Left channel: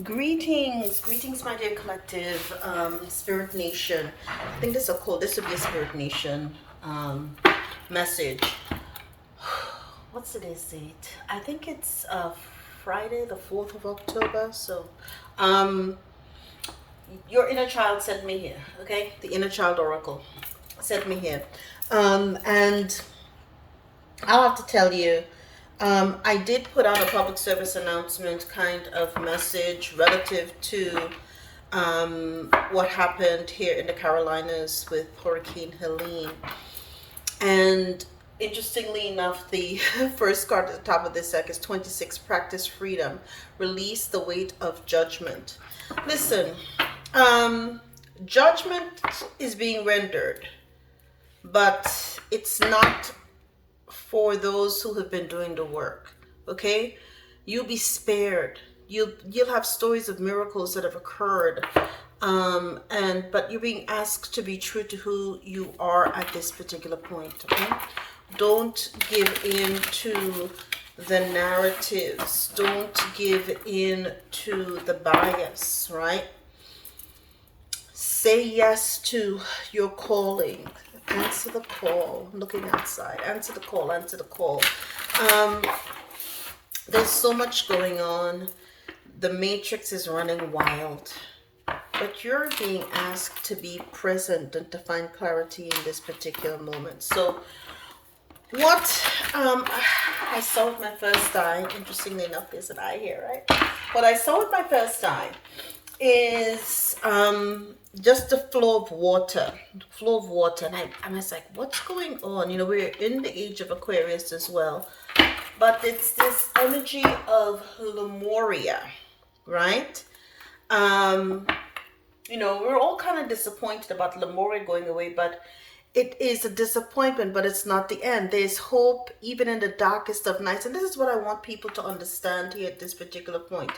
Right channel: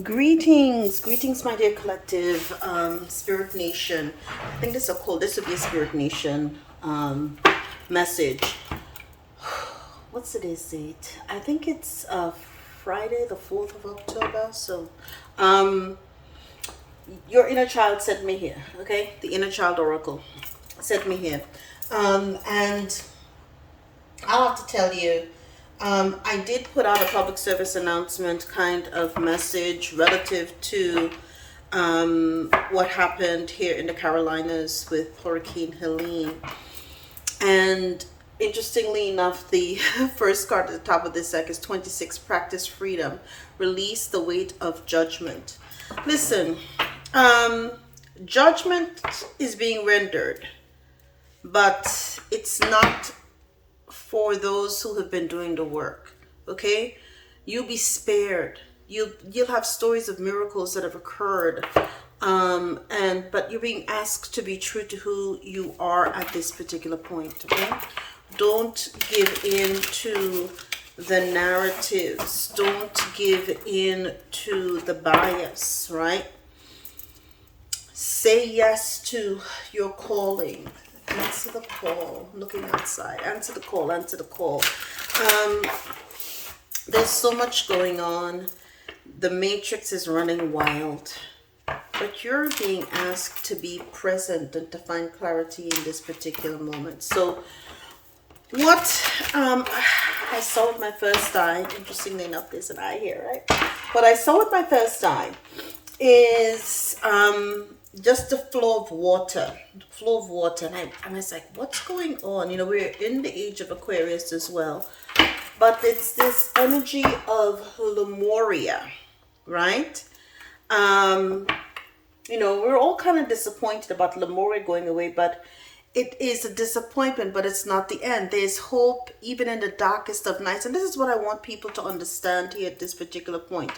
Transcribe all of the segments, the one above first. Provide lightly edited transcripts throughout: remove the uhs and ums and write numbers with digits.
Greetings, my dear collective, Spirit Nation. I think this would be a Spirit Nation message. What's today's date? I think it's Friday, the 4th of October. So, your inner child sent me here, okay? The inner child oracle sent me here. And I'll have to tell you, I did put out a public service announcement kind of message relative to what happened here in the Carolinas with Hurricane Helene. And interestingly enough, the first card at the top of this deck is 26, Practice Freedom, Release the Weight of Judgment. Listen, judgment is being rendered, but it's not for those who have been doing the work. Okay, you'll be spared. You'll have stories of miracles that have occurred, but you're being asked to be true to who you are at this particular point. Okay, don't give in to the narratives. Don't give in to the bias. Right? Say yes to your calling. Answer the call. I'm looking outside. Answer the call. Answer the call. There's so much going on. The matrix is running wild. But you're being asked to be present and to find clarity in this particular moment. So what I saw with my first eye, interestingly enough, there's an eye here, right? What I saw with my first eye is just the flow of water. And I was like, what's going on? You know, we're in the age of Aquarius as well, but it's this energy of Lemuria, right? You know, we're all kind of disappointed about Lemuria going away, but it is a disappointment, but it's not the end. There's hope even in the darkest of nights. And this is what I want people to understand here at this particular point.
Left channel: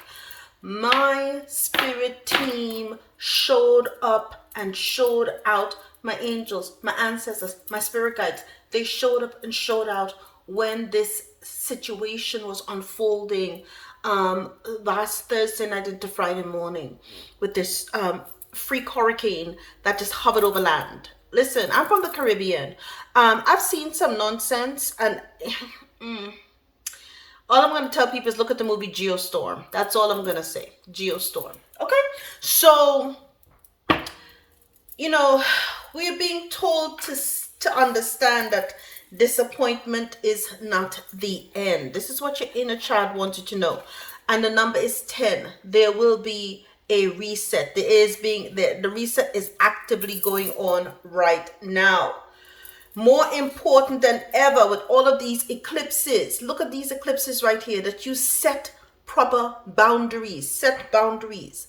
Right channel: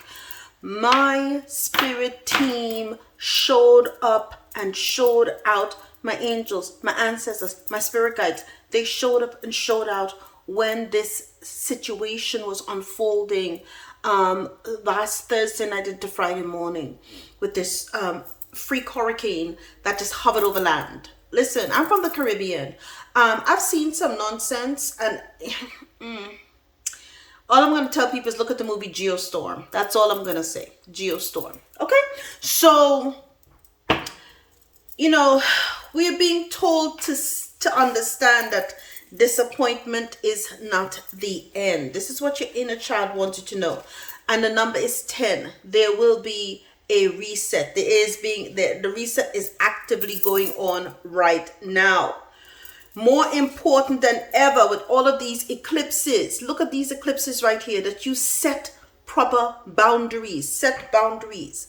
My spirit team showed up and showed out. My angels, my ancestors, my spirit guides, they showed up and showed out when this situation was unfolding last Thursday night into Friday morning with this freak hurricane that just hovered over land. Listen, I'm from the Caribbean. I've seen some nonsense, and all I'm going to tell people is look at the movie Geostorm. That's all I'm going to say. Geostorm. Okay? So, you know, we're being told to understand that disappointment is not the end. This is what your inner child wanted to know. And the number is 10. There will be a reset. The reset is actively going on right now. More important than ever with all of these eclipses. Look at these eclipses right here, that you set proper boundaries. Set boundaries.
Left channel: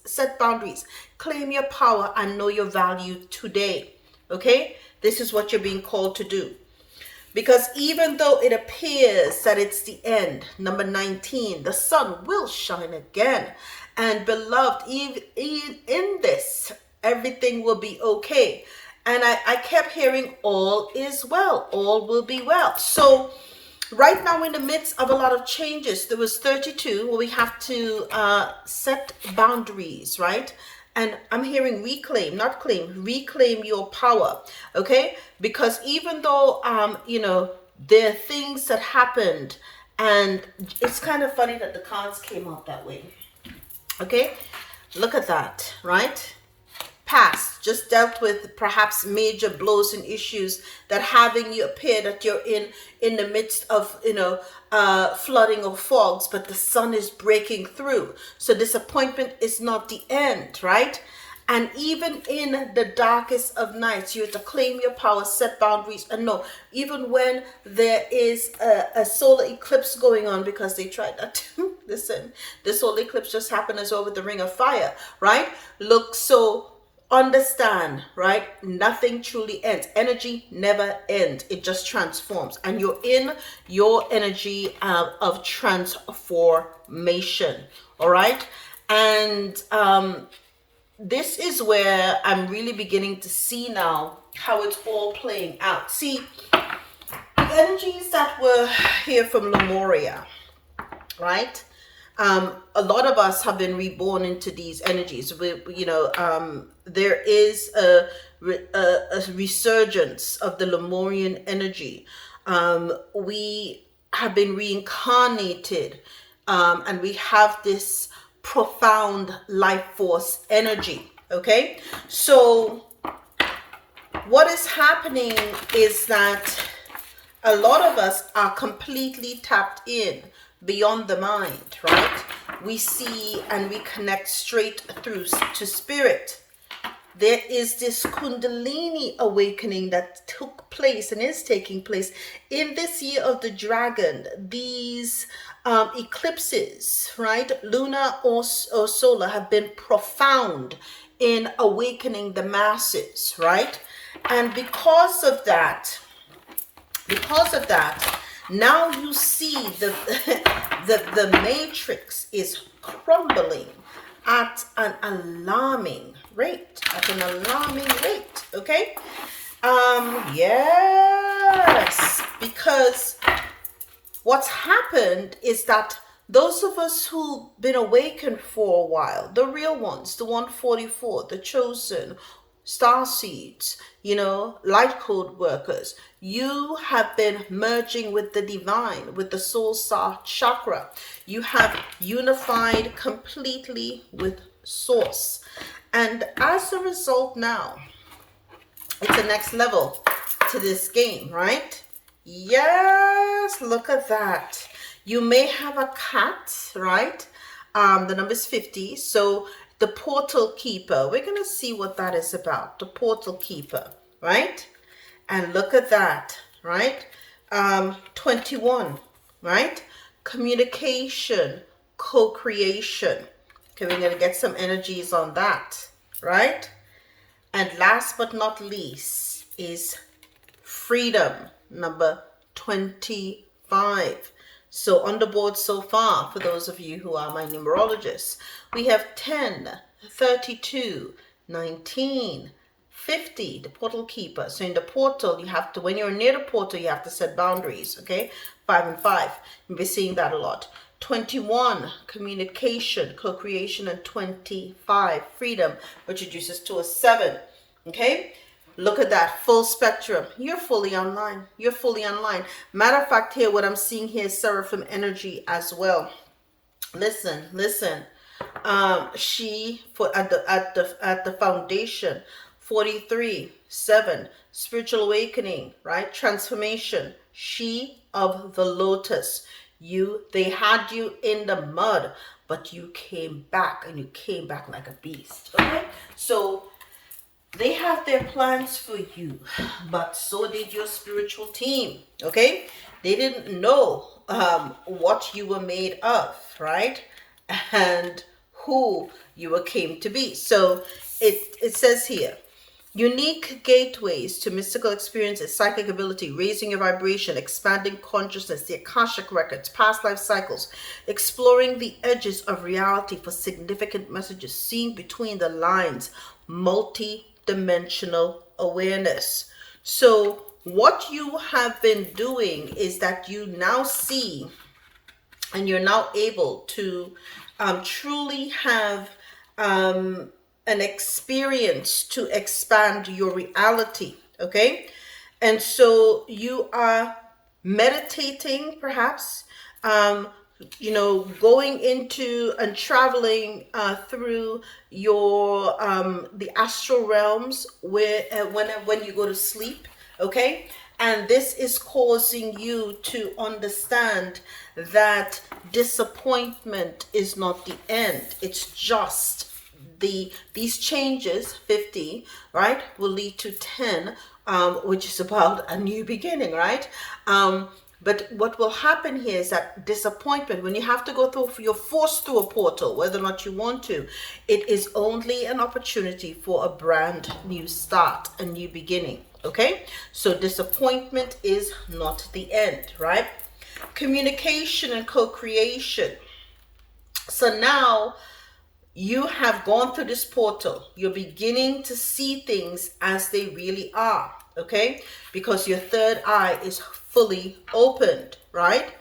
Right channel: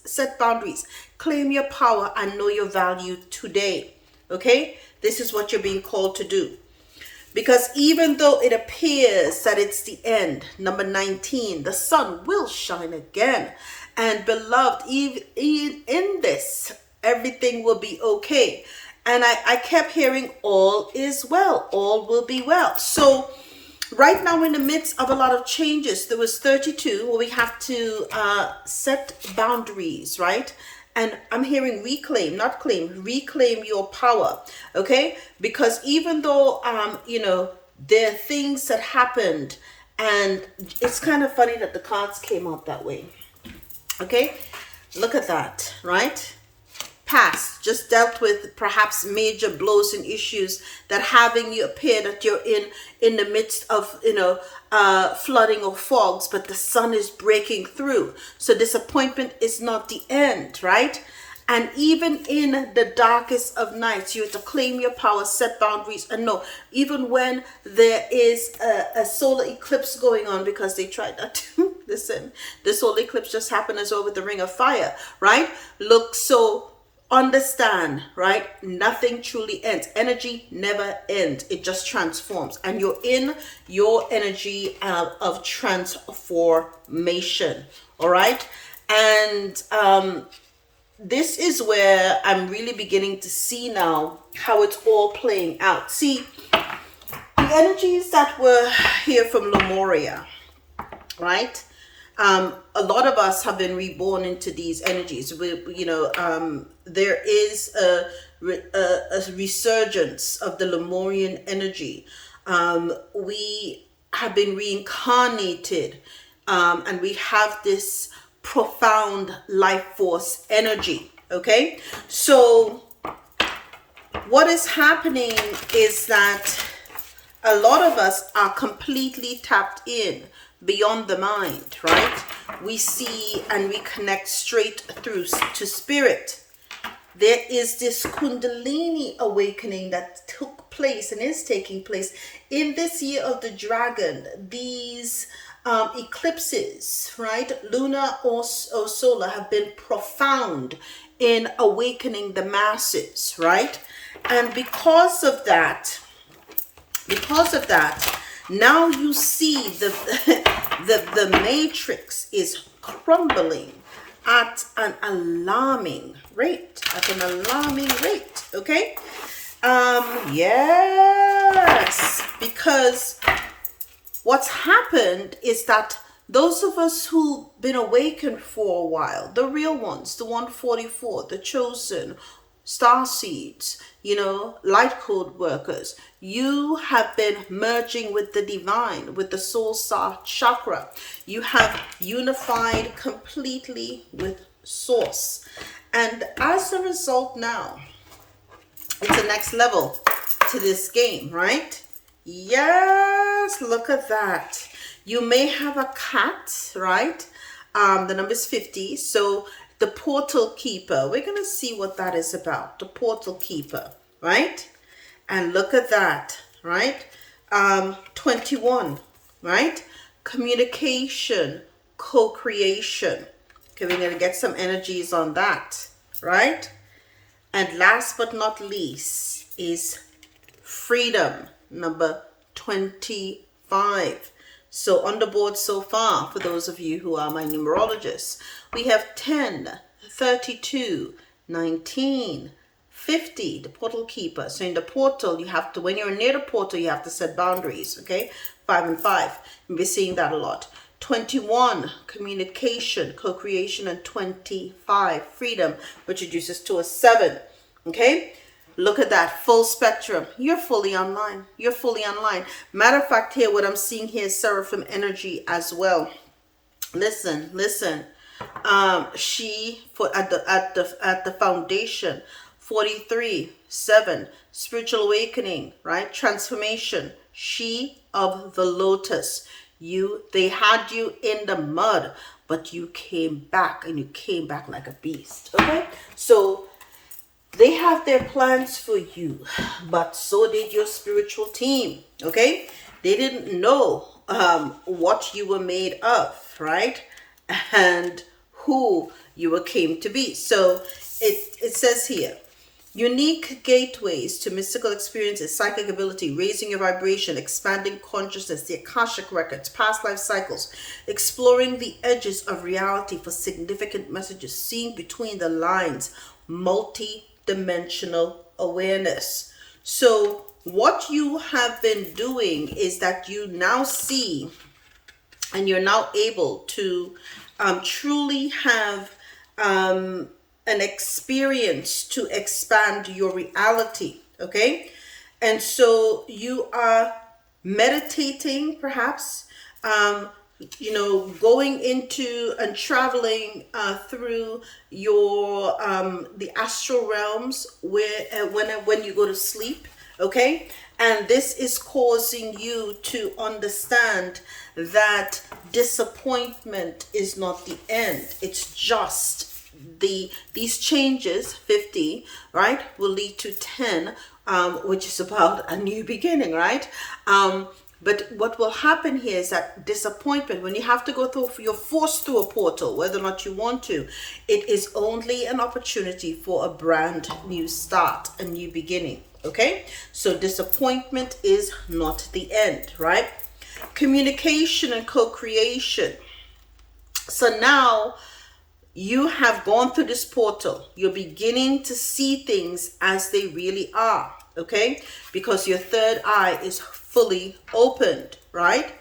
Claim your power and know your value today. Okay? This is what you're being called to do. Because even though it appears that it's the end, number 19, the sun will shine again. And beloved, even in this, everything will be okay. And I kept hearing all is well, all will be well. So right now we're in the midst of a lot of changes. There was 32 where we have to set boundaries, right? And I'm hearing reclaim, not claim, reclaim your power, okay? Because even though, you know, there are things that happened, and it's kind of funny that the cards came out that way, okay? Look at that, right? Past, just dealt with perhaps major blows and issues that having you appear that you're in the midst of, you know, flooding or fogs, but the sun is breaking through. So disappointment is not the end, right? And even in the darkest of nights, you have to claim your power, set boundaries, and know, even when there is a solar eclipse going on, because they tried that. Listen, the solar eclipse just happened as well with the Ring of Fire, right? Look, so understand, right? Nothing truly ends. Energy never ends. It just transforms. And you're in your energy of transformation. All right? And this is where I'm really beginning to see now how it's all playing out. See, the energies that were here from Lemuria, right? A lot of us have been reborn into these energies. There is a resurgence of the Lemurian energy. We have been reincarnated, and we have this profound life force energy. Okay, so what is happening is that a lot of us are completely tapped in beyond the mind, right? We see and we connect straight through to spirit. There is this Kundalini awakening that took place and is taking place in this year of the dragon. These eclipses, right, lunar or solar, have been profound in awakening the masses, right? And because of that, now you see the matrix is crumbling at an alarming rate, okay? Yes, because what's happened is that those of us who've been awakened for a while, the real ones, the 144, the chosen, star seeds, light code workers, you have been merging with the divine, with the soul chakra. You have unified completely with source. And as a result now, it's the next level to this game, right? Yes, look at that. You may have a cat, right? The number is 50. So the portal keeper, we're going to see what that is about. The portal keeper, right? And look at that, right? 21, right? Communication, co-creation. Okay, we're going to get some energies on that, right? And last but not least is freedom, number 25. So on the board so far, for those of you who are my numerologists, we have 10, 32, 19, 50, the portal keeper. So in the portal, you have to, when you're near the portal, you have to set boundaries, okay? 5 and 5. You'll be seeing that a lot. 21, communication, co-creation, and 25, freedom, which reduces to a 7, okay? Look at that, full spectrum. You're fully online. You're fully online. Matter of fact, here, what I'm seeing here is seraphim energy as well. Listen. She at the foundation, 43, 7, spiritual awakening, right? Transformation. She of the lotus. They had you in the mud, but you came back, and you came back like a beast. Okay, so they have their plans for you, but so did your spiritual team. Okay, they didn't know what you were made of, right? And who you came to be. So it says here, unique gateways to mystical experiences, psychic ability, raising your vibration, expanding consciousness, the Akashic records, past life cycles, exploring the edges of reality for significant messages, seeing between the lines, multi-dimensional awareness. So what you have been doing is that you now see, and you're now able to truly have an experience to expand your reality, okay? And so you are meditating, perhaps, going into and traveling through your the astral realms where when you go to sleep, okay? And this is causing you to understand that disappointment is not the end. It's just these changes, 50, right, will lead to 10, which is about a new beginning, right? But what will happen here is that disappointment, when you have to go through, you're forced through a portal, whether or not you want to, it is only an opportunity for a brand new start, a new beginning. Okay, so disappointment is not the end, right? Communication and co-creation. So now you have gone through this portal. You're beginning to see things as they really are, okay? Because your third eye is fully opened, right?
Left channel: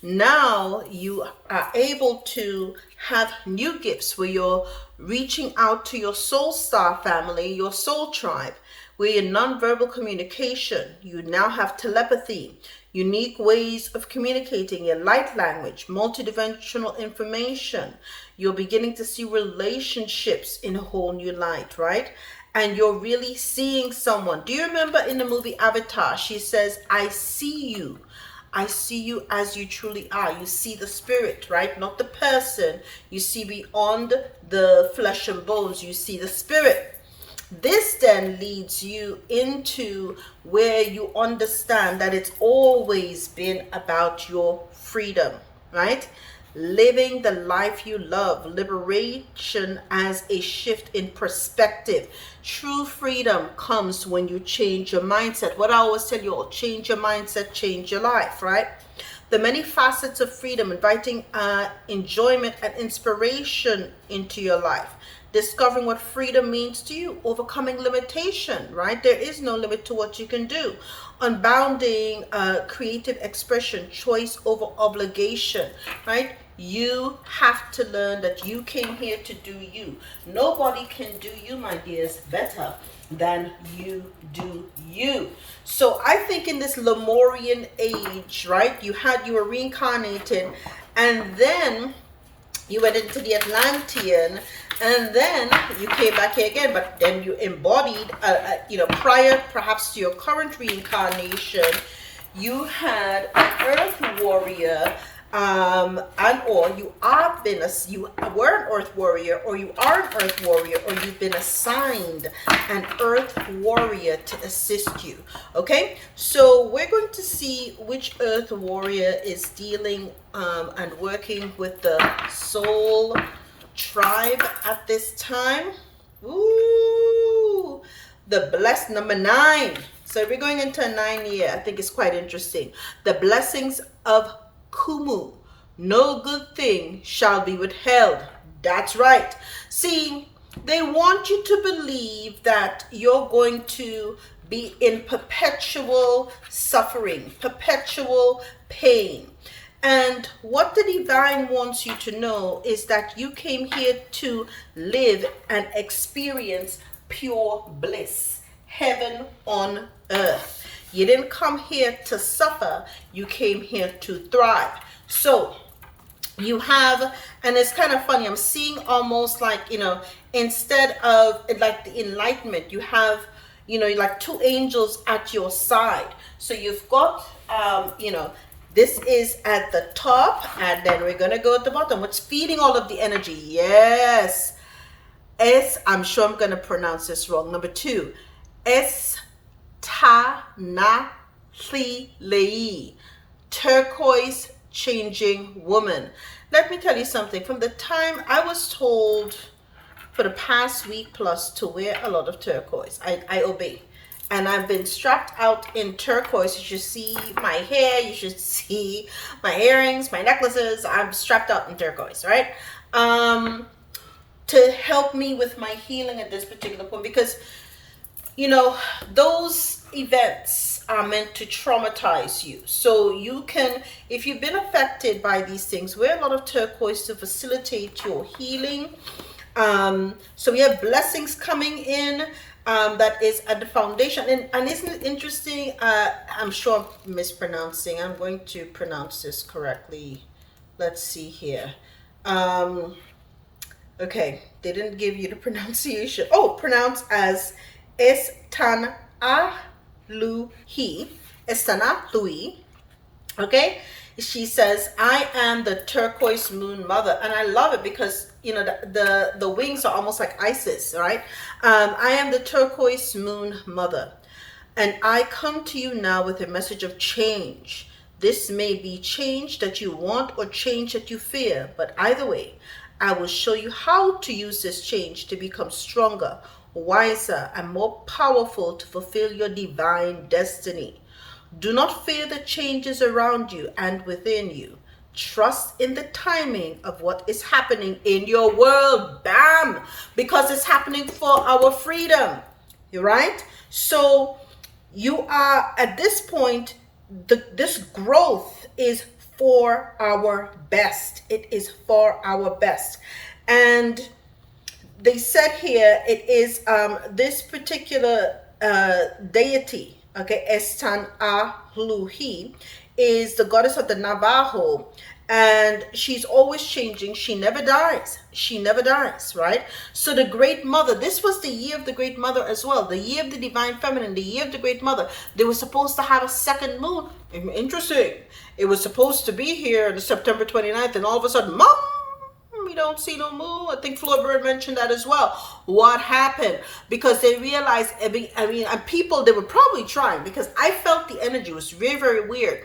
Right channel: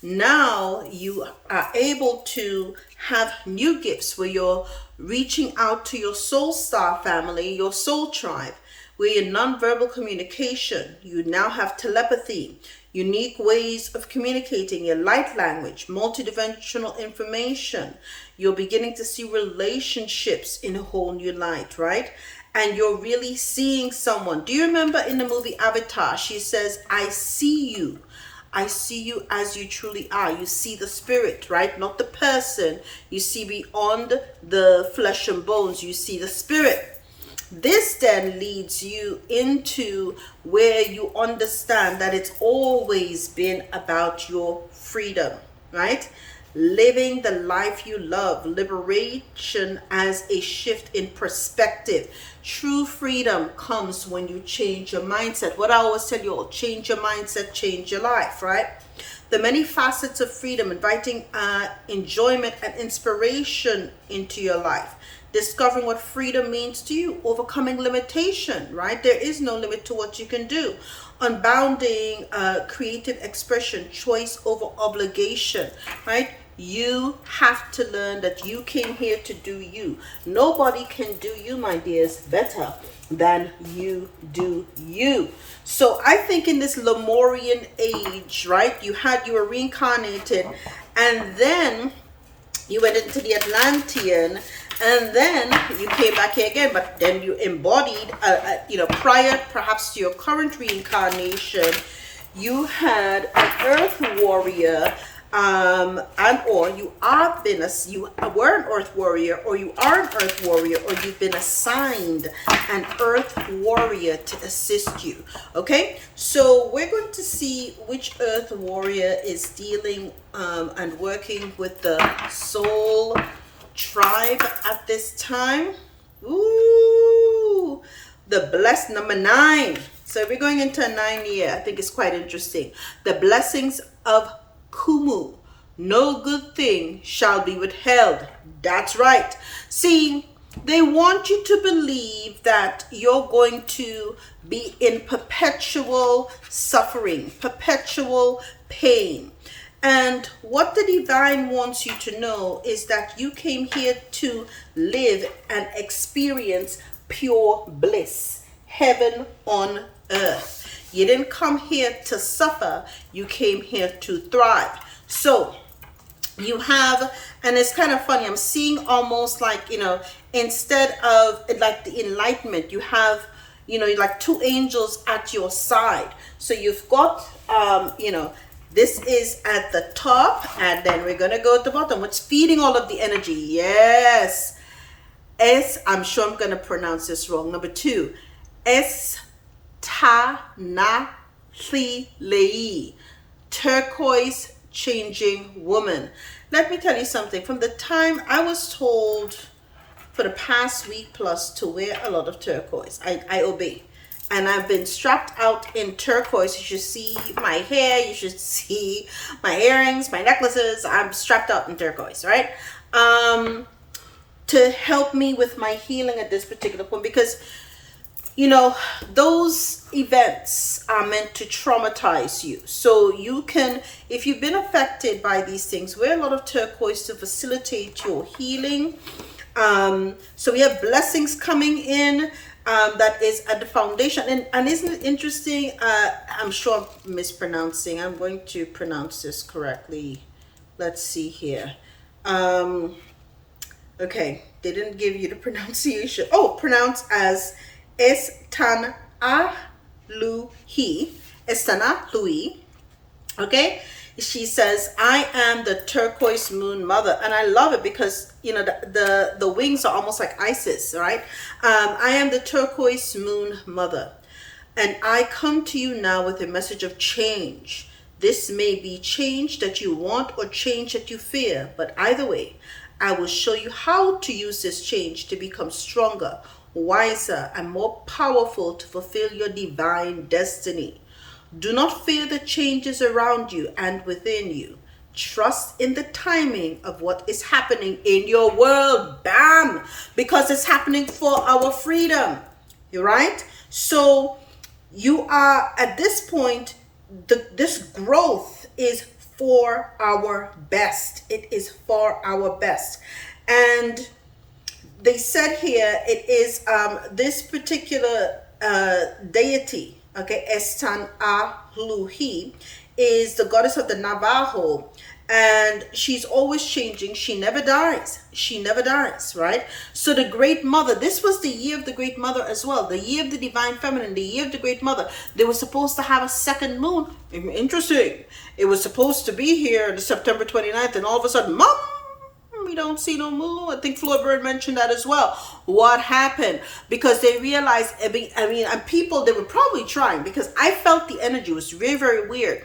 Now you are able to have new gifts where you're reaching out to your soul star family, your soul tribe, where your nonverbal communication, you now have telepathy, unique ways of communicating, your light language, multidimensional information. You're beginning to see relationships in a whole new light, right? And you're really seeing someone. Do you remember in the movie Avatar, she says, I see you. I see you as you truly are. You see the spirit, right? Not the person. You see beyond the flesh and bones. You see the spirit. This then leads you into where you understand that it's always been about your freedom, right? Living the life you love, liberation as a shift in perspective. True freedom comes when you change your mindset. What I always tell you all, change your mindset, change your life, right? The many facets of freedom, inviting enjoyment and inspiration into your life. Discovering what freedom means to you, overcoming limitation, right? There is no limit to what you can do. Unbounding creative expression, choice over obligation, right? You have to learn that you came here to do you. Nobody can do you, my dears, better than you do you. So I think in this Lemurian age, right, you were reincarnated, and then you went into the Atlantean, and then you came back here again, but then you embodied, prior perhaps to your current reincarnation, you had an earth warrior, and or you were an earth warrior, or you are an earth warrior, or you've been assigned an earth warrior to assist you. Okay, so we're going to see which earth warrior is dealing and working with the soul tribe at this time. Ooh, the blessed number 9. So we're going into a 9 year. I think it's quite interesting. The blessings of Kumu. No good thing shall be withheld. That's right. See, they want you to believe that you're going to be in perpetual suffering, perpetual pain. And what the divine wants you to know is that you came here to live and experience pure bliss, heaven on earth. You didn't come here to suffer, you came here to thrive. So you have, and it's kind of funny, I'm seeing almost like, instead of like the enlightenment, you have, like 2 angels at your side. So you've got, this is at the top, and then we're going to go at the bottom. What's feeding all of the energy? Yes. I'm sure I'm going to pronounce this wrong. Number 2, Estanathlei, turquoise changing woman. Let me tell you something. From the time I was told for the past week plus to wear a lot of turquoise, I obey. And I've been strapped out in turquoise. You should see my hair. You should see my earrings, my necklaces. I'm strapped out in turquoise, right? To help me with my healing at this particular point. Because, those events are meant to traumatize you. So you can, if you've been affected by these things, wear a lot of turquoise to facilitate your healing. So we have blessings coming in. That is at the foundation. And isn't it interesting? I'm sure I'm mispronouncing. I'm going to pronounce this correctly. Let's see here. Okay, they didn't give you the pronunciation. Oh, pronounced as Estanathlei. Okay, she says, I am the turquoise moon mother. And I love it because, the wings are almost like Isis, right? I am the turquoise moon mother. And I come to you now with a message of change. This may be change that you want or change that you fear. But either way, I will show you how to use this change to become stronger, wiser, and more powerful to fulfill your divine destiny. Do not fear the changes around you and within you. Trust in the timing of what is happening in your world. Bam! Because it's happening for our freedom. You're right? So you are at this point, this growth is for our best. It is for our best. And they said here it is this particular deity, okay, Estan Ahluhi, is the goddess of the Navajo, and she's always changing. She never dies. She never dies, right? So the Great Mother, this was the year of the Great Mother as well, the year of the Divine Feminine, the year of the Great Mother. They were supposed to have a second moon. Interesting. It was supposed to be here on September 29th, and all of a sudden, Mom, we don't see no moon. I think Florbird mentioned that as well. What happened? Because they realized, I mean, and people, they were probably trying, because I felt the energy was very, very weird.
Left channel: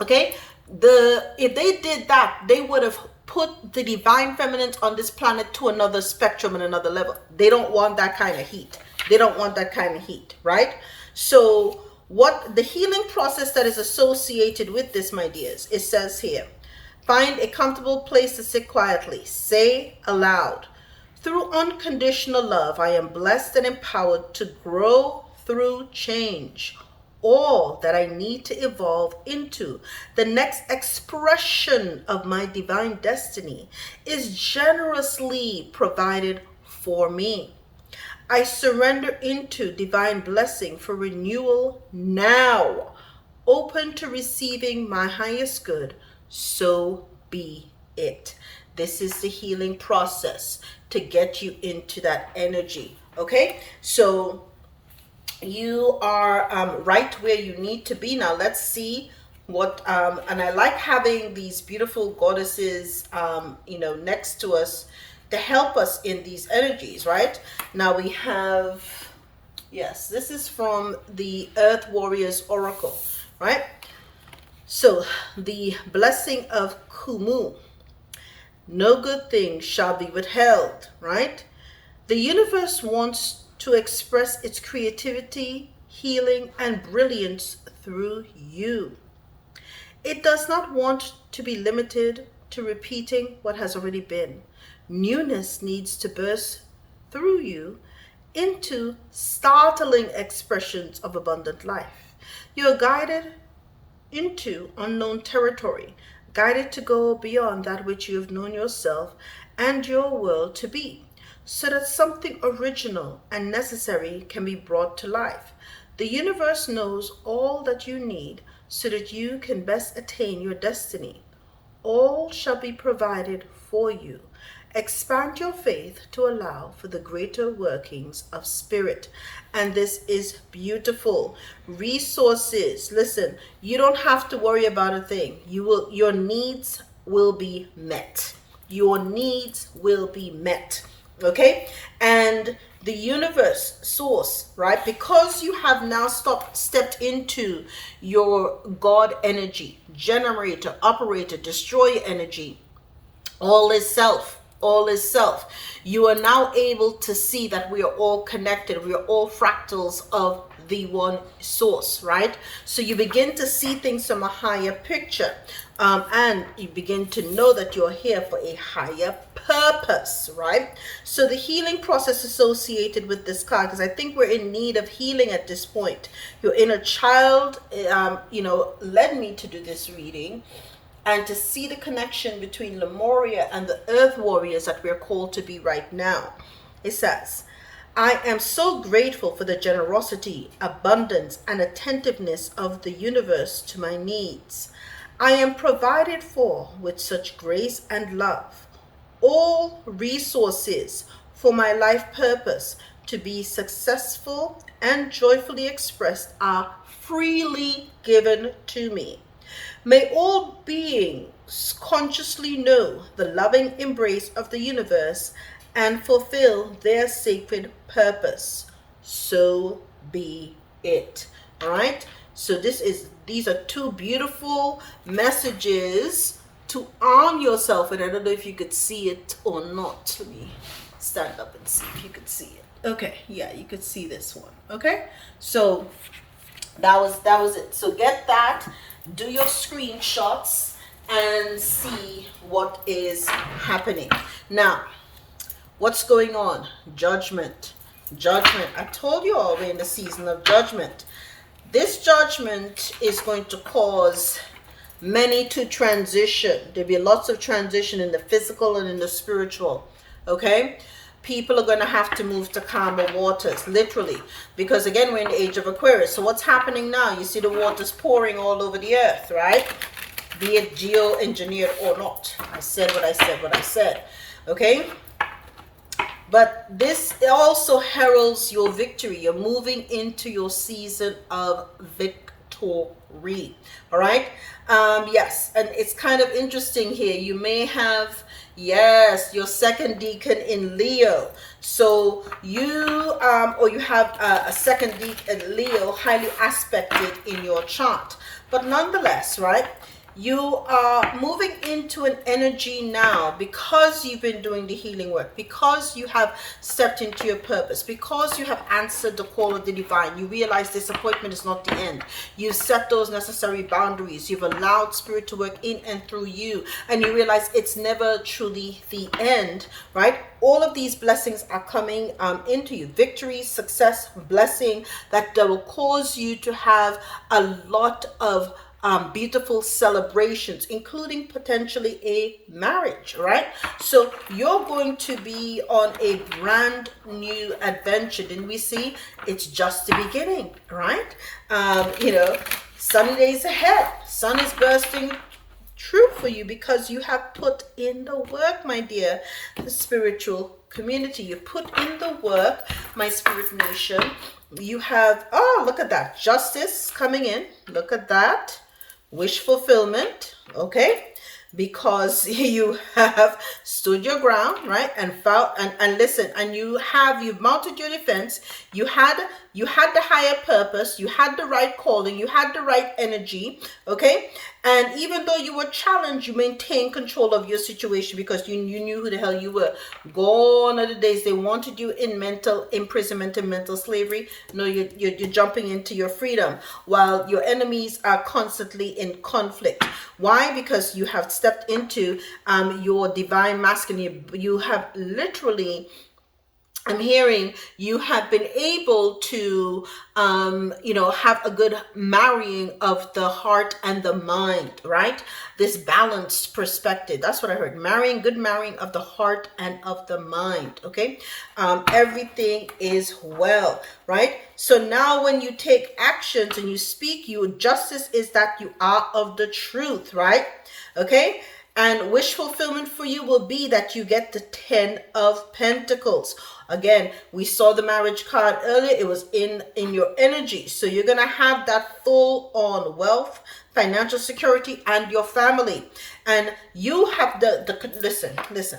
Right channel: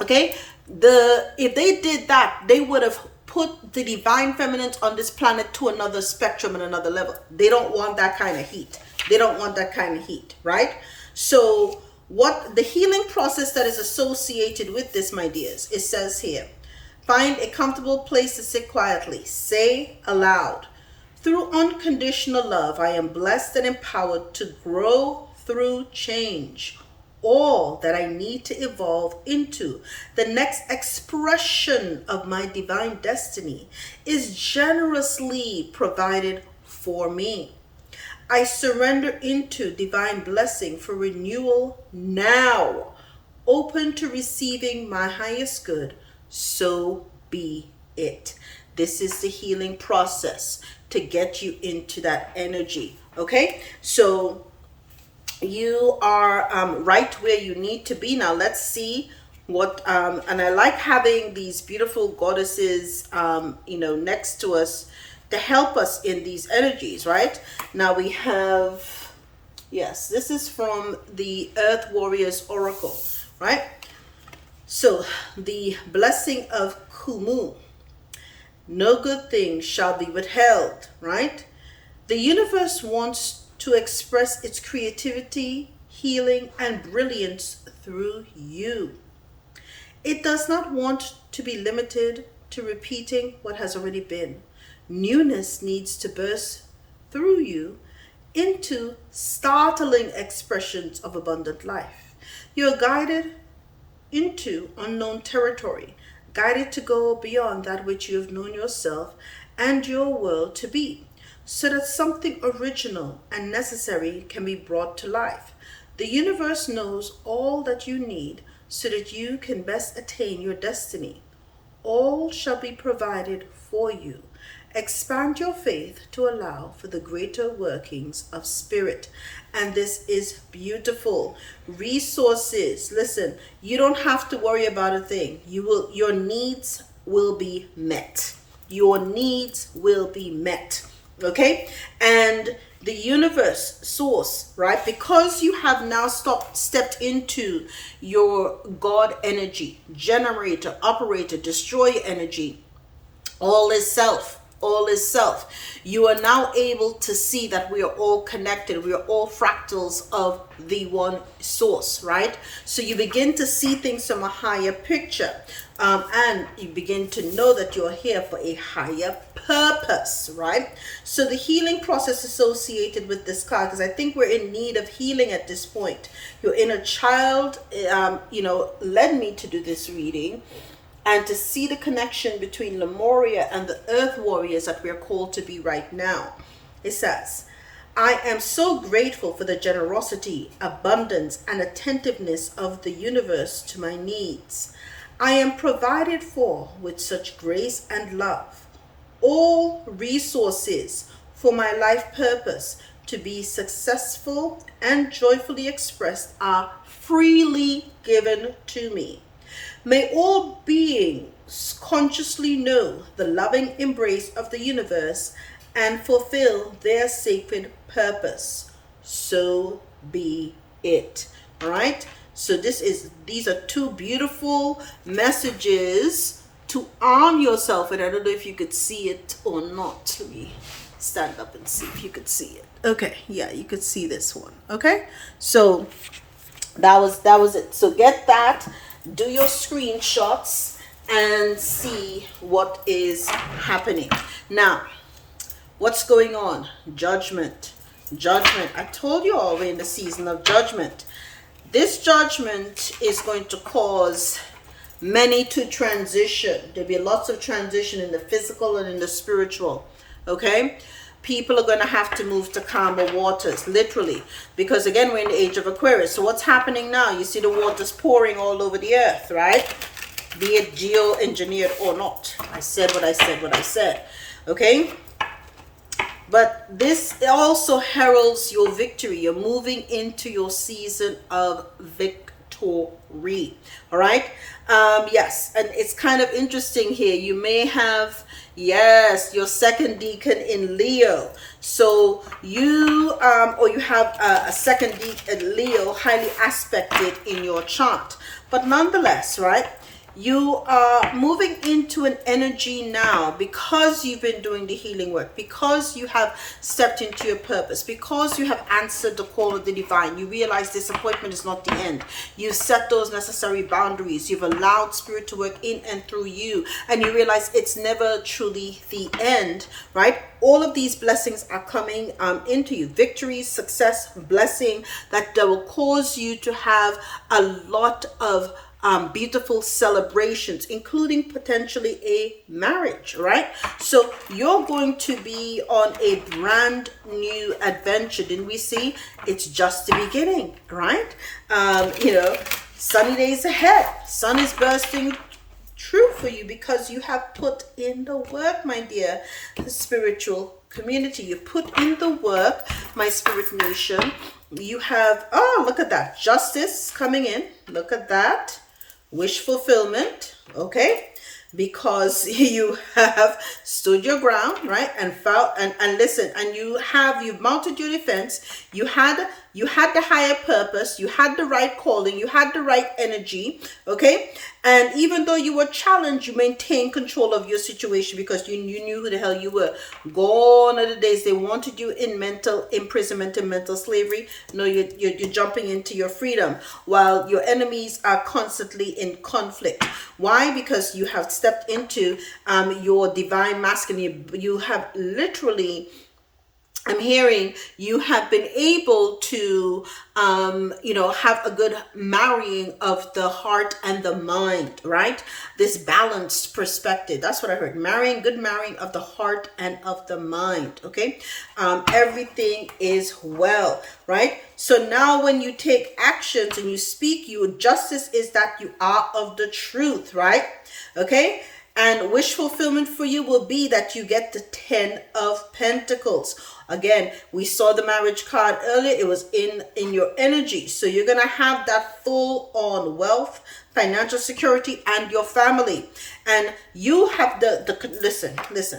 Okay, if they did that, they would have put the divine feminine on this planet to another spectrum and another level. They don't want that kind of heat. They don't want that kind of heat, right? So what the healing process that is associated with this, my dears, it says here, find a comfortable place to sit quietly. Say aloud, through unconditional love, I am blessed and empowered to grow through change. All that I need to evolve into the next expression of my divine destiny is generously provided for me. I surrender into divine blessing for renewal now, open to receiving my highest good. So be it. This is the healing process to get you into that energy. Okay, so you are right where you need to be. Now let's see what and I like having these beautiful goddesses next to us to help us in these energies. Right now we have, yes, this is from the Earth Warriors Oracle, right? So the blessing of Kumu, no good thing shall be withheld, right? The universe wants to express its creativity, healing, and brilliance through you. It does not want to be limited to repeating what has already been. Newness needs to burst through you into startling expressions of abundant life. You are guided into unknown territory, guided to go beyond that which you have known yourself and your world to be, so that something original and necessary can be brought to life. The universe knows all that you need so that you can best attain your destiny. All shall be provided for you. Expand your faith to allow for the greater workings of spirit. And this is beautiful. Resources. Listen, you don't have to worry about a thing. Your needs will be met. Your needs will be met. Okay, and the universe source, right, because you have now stepped into your God energy, generator, operator, destroyer energy, all is self. You are now able to see that we are all connected. We are all fractals of the one source, right? So you begin to see things from a higher picture, and you begin to know that you're here for a higher purpose, right? So the healing process associated with this card, because I think we're in need of healing at this point. Your inner child, led me to do this reading, and to see the connection between Lemuria and the Earth Warriors that we're called to be right now. It says, I am so grateful for the generosity, abundance, and attentiveness of the universe to my needs. I am provided for with such grace and love. All resources for my life purpose to be successful and joyfully expressed are freely given to me. May all beings consciously know the loving embrace of the universe and fulfill their sacred purpose. So be it. All right. So these are two beautiful messages to arm yourself. And I don't know if you could see it or not. Let me stand up and see if you could see it. Okay. Yeah, you could see this one. Okay. So that was it. So get that. Do your screenshots and see what is happening. Now, what's going on? Judgment. I told you all we're in the season of judgment. This judgment is going to cause many to transition. There'll be lots of transition in the physical and in the spiritual. Okay? People are going to have to move to calmer waters, literally, because again, we're in the age of Aquarius. So what's happening now? You see the waters pouring all over the earth, right? Be it geo-engineered or not. I said what I said. Okay? But this also heralds your victory. You're moving into your season of victory. All right? Yes, and it's kind of interesting here. You may have, yes, your second deacon in Leo. So you, or you have a second deacon Leo highly aspected in your chart. But nonetheless, right? You are moving into an energy now because you've been doing the healing work, because you have stepped into your purpose, because you have answered the call of the divine. You realize disappointment is not the end. You've set those necessary boundaries. You've allowed spirit to work in and through you, and you realize it's never truly the end, right? All of these blessings are coming into you. Victory, success, blessing that will cause you to have a lot of beautiful celebrations, including potentially a marriage, right? So you're going to be on a brand new adventure. Didn't we see? It's just the beginning, right? Sunny days ahead. Sun is bursting true for you because you have put in the work, my dear spiritual community. You put in the work, my spirit nation. You have, oh, look at that. Justice coming in. Look at that. Wish fulfillment, okay? Because you have stood your ground, right? And fought and listen, and you've mounted your defense. You had the higher purpose, you had the right calling, you had the right energy, okay? And even though you were challenged, you maintained control of your situation because you knew who the hell you were. Gone are the days they wanted you in mental imprisonment and mental slavery. No, you're jumping into your freedom while your enemies are constantly in conflict. Why? Because you have stepped into your divine masculine. You have literally, I'm hearing you have been able to, have a good marrying of the heart and the mind, right? This balanced perspective. That's what I heard. Good marrying of the heart and of the mind, okay? Everything is well, right? So now when you take actions and you speak, justice is that you are of the truth, right? Okay? And wish fulfillment for you will be that you get the 10 of Pentacles. Again, we saw the marriage card earlier. It was in your energy. So you're going to have that full on wealth, financial security, and your family. And you have listen.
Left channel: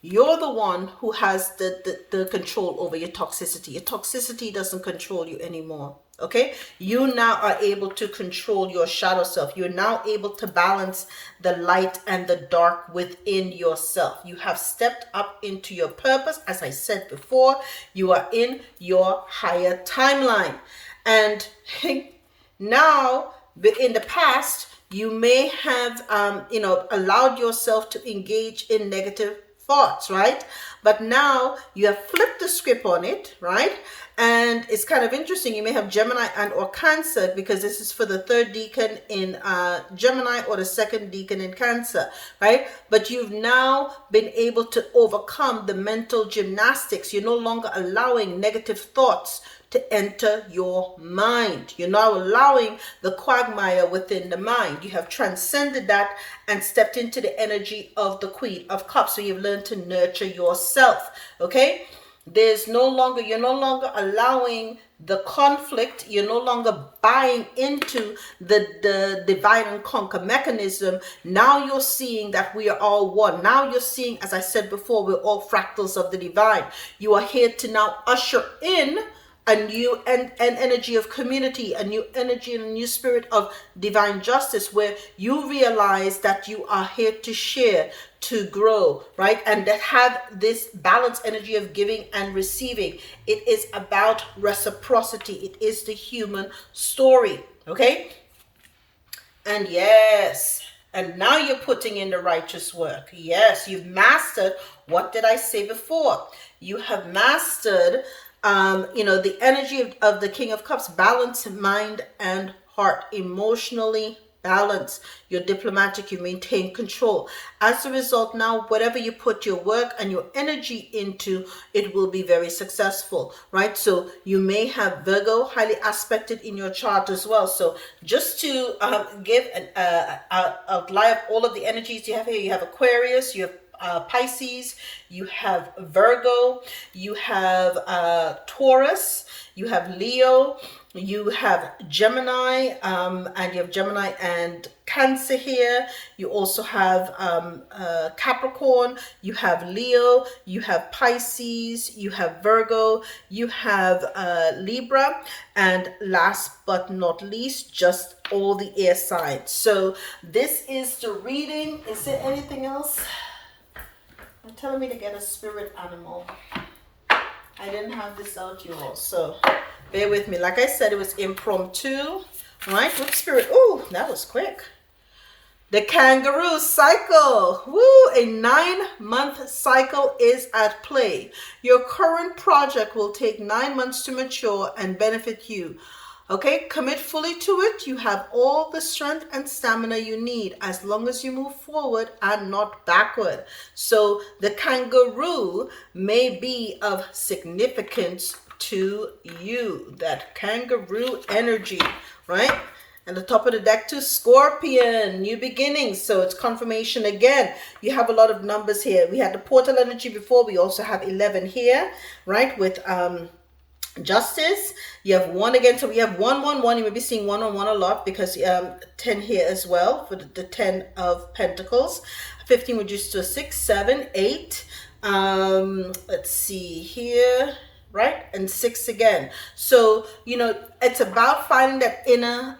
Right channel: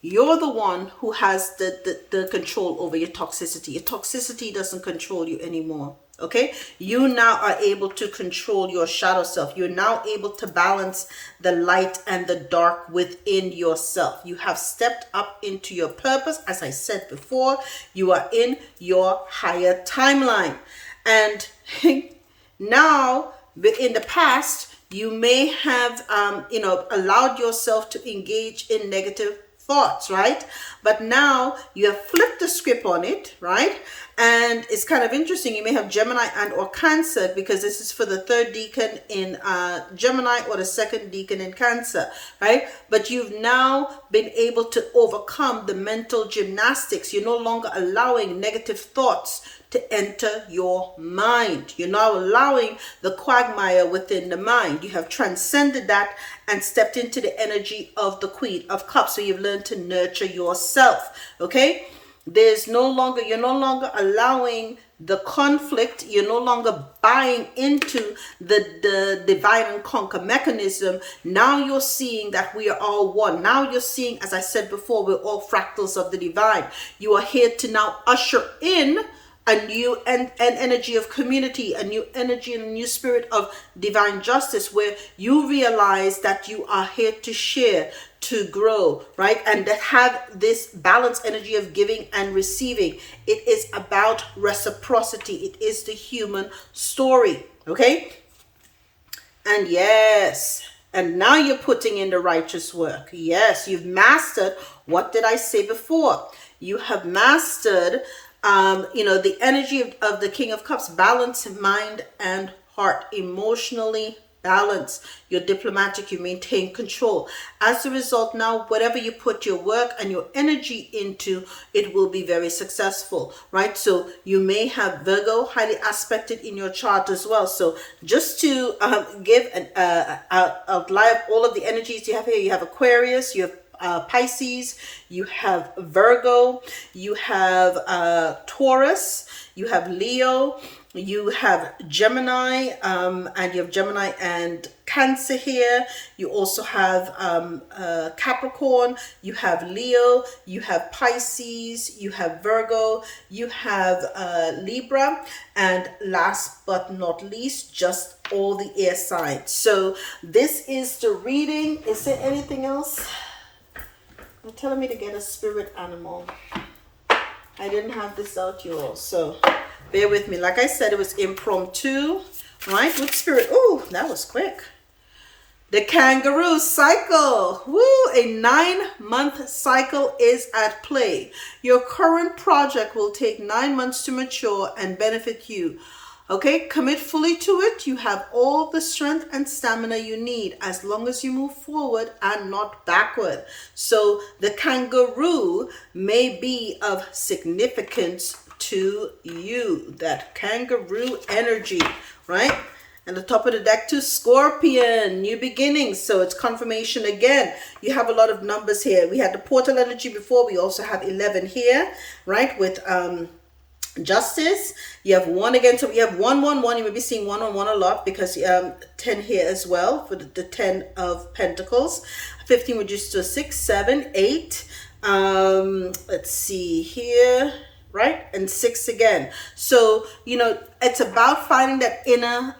You're the one who has the control over your toxicity. Your toxicity doesn't control you anymore. Okay, you now are able to control your shadow self. You're now able to balance the light and the dark within yourself. You have stepped up into your purpose. As I said before, you are in your higher timeline. And now, in the past, you may have, allowed yourself to engage in negative thoughts, right? But now you have flipped the script on it, right? And it's kind of interesting. You may have Gemini and or Cancer because this is for the third deacon in Gemini or the second deacon in Cancer, right? But you've now been able to overcome the mental gymnastics. You're no longer allowing negative thoughts to enter your mind. You're now allowing the quagmire within the mind. You have transcended that and stepped into the energy of the Queen of Cups. So you've learned to nurture yourself, okay? You're no longer allowing the conflict. You're no longer buying into the divide and conquer mechanism. Now you're seeing that we are all one. Now you're seeing, as I said before, we're all fractals of the divine. You are here to now usher in a new an energy of community, a new energy and a new spirit of divine justice, where you realize that you are here to share, to grow, right? And to have this balanced energy of giving and receiving. It is about reciprocity. It is the human story, okay? And yes, and now you're putting in the righteous work. Yes, you've mastered, what did I say before? You have mastered You know, the energy of the King of Cups, balance mind and heart, emotionally balance. You're diplomatic, you maintain control. As a result, now whatever you put your work and your energy into, it will be very successful, right? So you may have Virgo highly aspected in your chart as well. So just to give an outline of all of the energies you have here, you have Aquarius, you have Pisces, you have Virgo, you have Taurus, you have Leo, you have Gemini, and you have Gemini and Cancer here. You also have Capricorn, you have Leo, you have Pisces, you have Virgo, you have Libra, and last but not least, just all the air signs. So this is the reading. Is there anything else? They're telling me to get a spirit animal. I didn't have this out, you all, so bear with me. Like I said, it was impromptu, right? With spirit. Ooh, that was quick. The kangaroo cycle. Woo! A 9-month cycle is at play. Your current project will take 9 months to mature and benefit you. Okay, commit fully to it. You have all the strength and stamina you need as long as you move forward and not backward. So the kangaroo may be of significance to you. That kangaroo energy, right? And the top of the deck too, Scorpion, new beginnings. So it's confirmation again. You have a lot of numbers here. We had the portal energy before. We also have 11 here, right? With Justice. You have 1 again, so we have 1 1 1. You may be seeing 1 on 1 a lot because 10 here as well for the 10 of Pentacles. 15 reduced to a 6, 7, 8. Let's see here, right? And 6 again. So you know, it's about finding that inner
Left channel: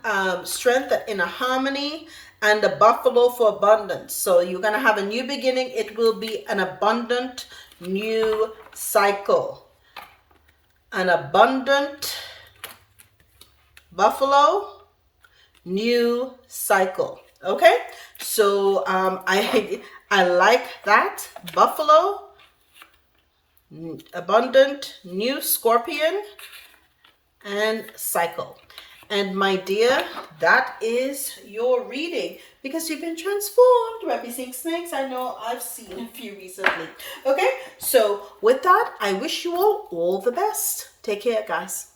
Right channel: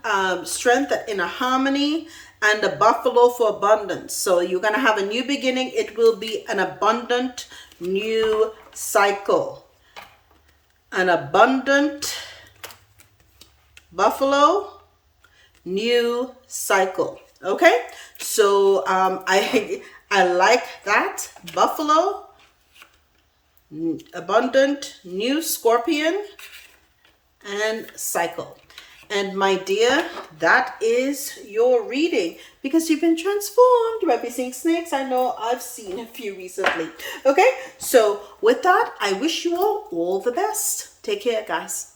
strength, that inner harmony, and the buffalo for abundance. So you're gonna have a new beginning. It will be an abundant new cycle. An abundant buffalo new cycle. Okay, so I like that. Buffalo, abundant new Scorpion, and cycle. And my dear, that is your reading, because you've been transformed. You might be seeing snakes. I know I've seen a few recently. Okay, so with that, I wish you all the best. Take care, guys.